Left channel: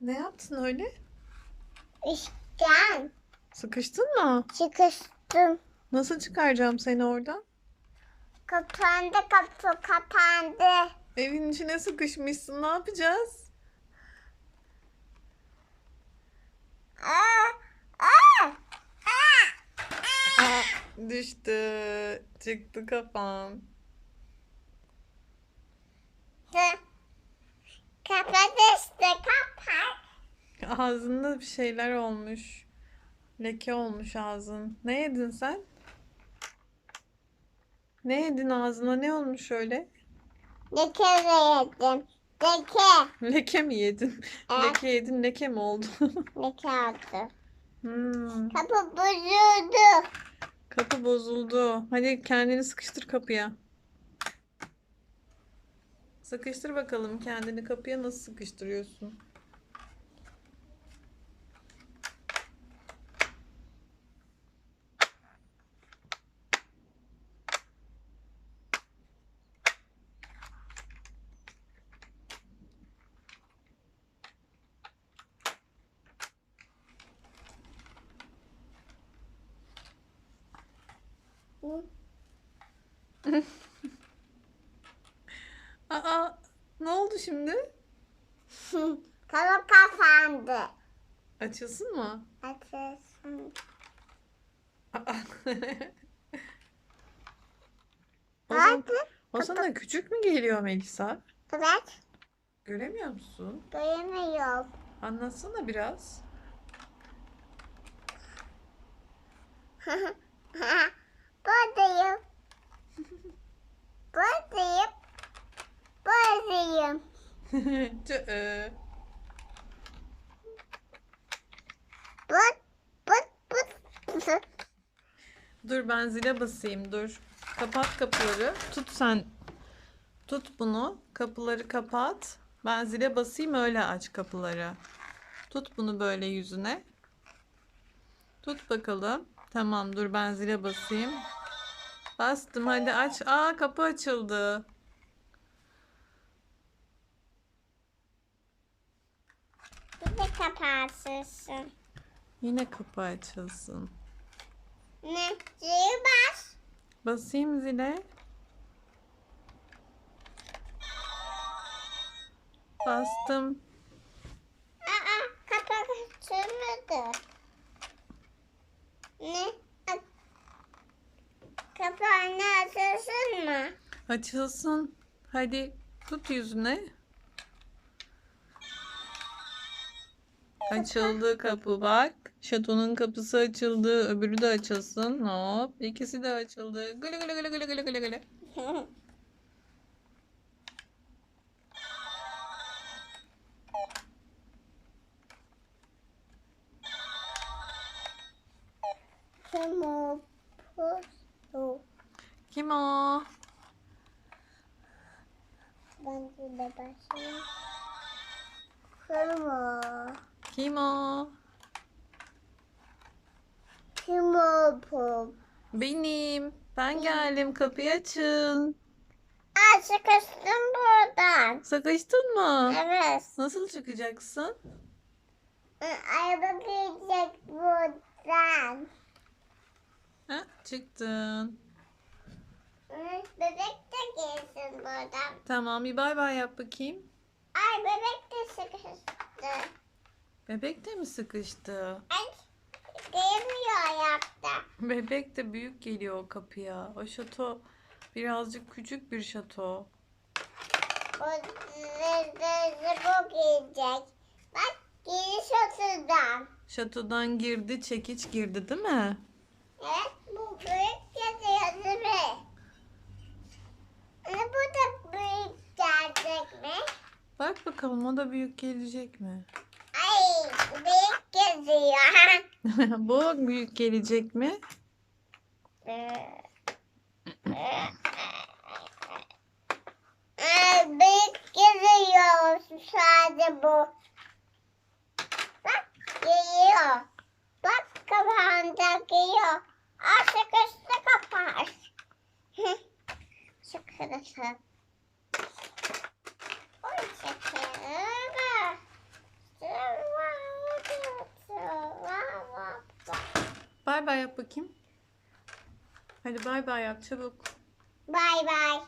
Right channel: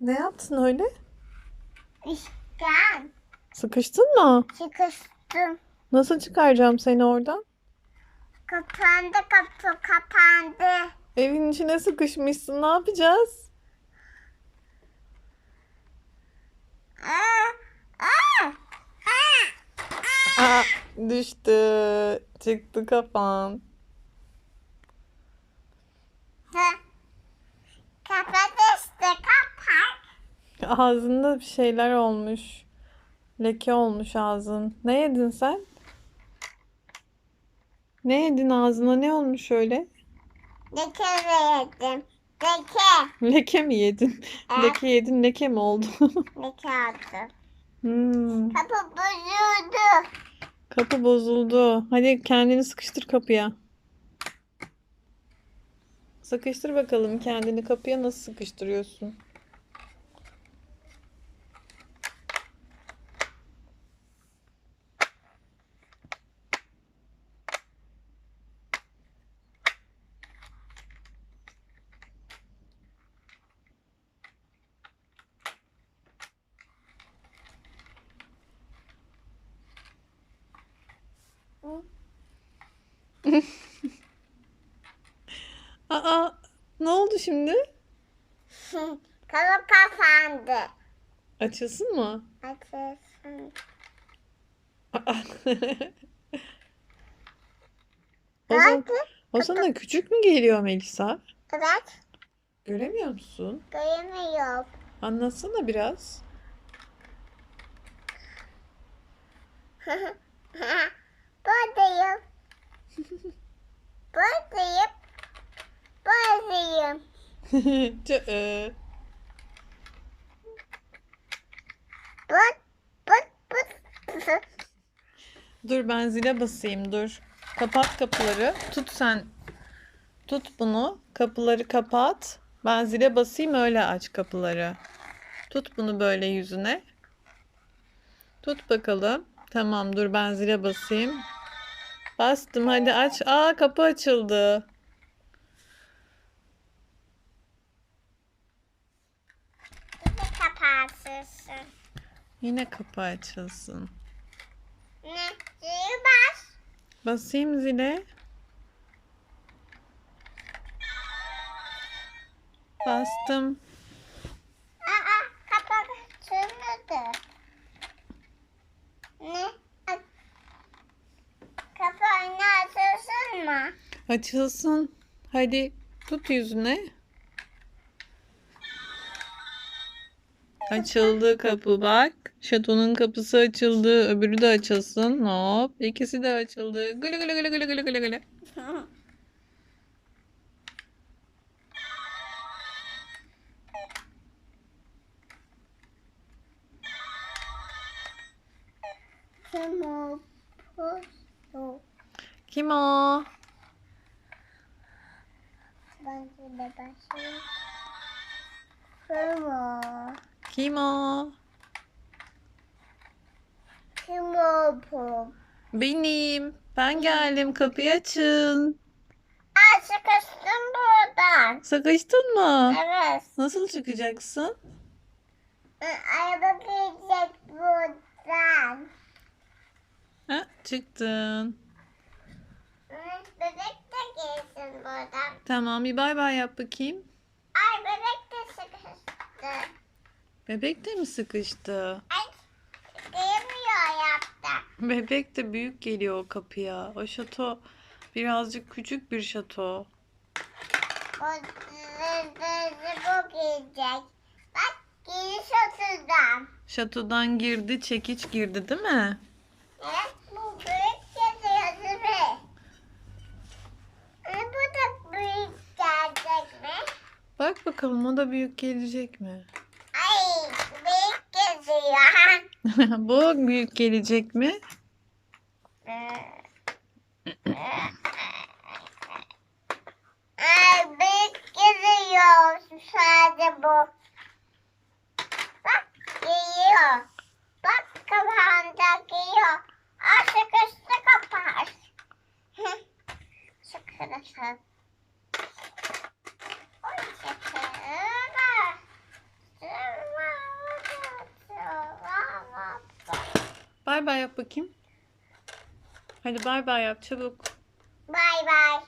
Ne yaptın öyle? İşten Sıkıştın mı? çıkıştım. Nasıl çıkaracağım seni oradan? Kapandı kapı kapandı. Evin içine sıkışmışsın. Ne yapacağız? Aa, aa, aa, Aa, düştü. Çıktı kafan. aa. Kapat işte kapat. Ağzında bir şeyler olmuş. Leke olmuş ağzın. Ne yedin sen? Ne yedin ağzına? Ne olmuş öyle? Leke yedim. Leke. Leke mi yedin? Evet. Leke yedin, leke mi oldu? Leke aldı. Hmm, Kapı bozuldu. kapı bozuldu. Hadi kendini sıkıştır kapıya. Sıkıştır bakalım kendini kapıya nasıl sıkıştırıyorsun? Aa, ne oldu şimdi? Kapı kapandı. Açılsın mı? Açılsın. Aa. O zaman, o sana küçük mü geliyor Melisa? Evet. Göremiyor musun? Göremiyorum. Anlatsana biraz. Buradayım. Buradayım. Buradayım. Tı- But, but, but. Dur ben zile basayım dur. Kapat kapıları. Tut sen. Tut bunu. Kapıları kapat. Ben zile basayım öyle aç kapıları. Tut bunu böyle yüzüne. Tut bakalım. Tamam dur ben zile basayım. Bastım hadi aç. Aa kapı açıldı. Bir de kapatırsın. Yine kapı açılsın. Ne? Zil bas. Basayım zile. Bastım. Aa, kapak açılmadı. Ne? A- Kapağını açılsın mı? Açılsın. Hadi tut yüzüne. Açıldı kapı bak. Şatonun kapısı açıldı. Öbürü de açılsın. Hop. İkisi de açıldı. Gülü gülü gülü gülü gülü gülü gülü. Kumu pusu. Kim o? De başlayayım. Kumu. Kim o? Kumu pu. Benim. Ben geldim. Kapıyı açın. Aa, sıkıştım buradan. Sıkıştın mı? Evet. Nasıl çıkacaksın? Araba gelecek buradan. Ha, çıktın. Buradan. Tamam bir bay bay yap bakayım. Ay bebek de sıkıştı. Bebek de mi sıkıştı? Ay gelmiyor ayakta. Bebek de büyük geliyor o kapıya. O şato birazcık küçük bir şato. O bu gelecek. Bak giriş oturdan. Şatodan girdi, çekiç girdi değil mi? Evet bu büyük yazıyor değil mi? Ama bu da büyük gelecek mi? Bak bakalım o da büyük gelecek mi? Ay büyük yazıyor. Bu büyük gelecek mi? Ay büyük geliyor sadece bu. Bak geliyor. Bak kapağında geliyor. Aa sıkıştı kapağı. Sıkıştı. Bay bay yap bakayım. Hadi bay bay yap çabuk. Bay bay.